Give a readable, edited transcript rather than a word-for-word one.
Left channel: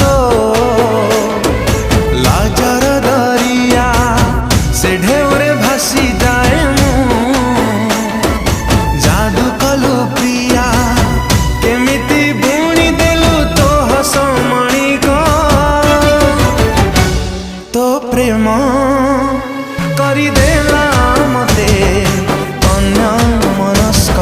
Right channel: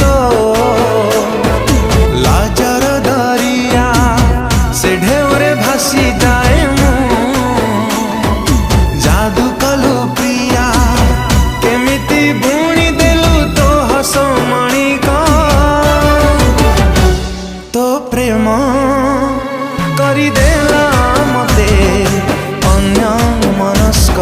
तो लाजर दरिया से ढेउरे भासी जाए जादू कलु प्रिया केमिति बुणी देलु तो हस मणिक तो प्रेम करिदेला मते अन्य मनस्क।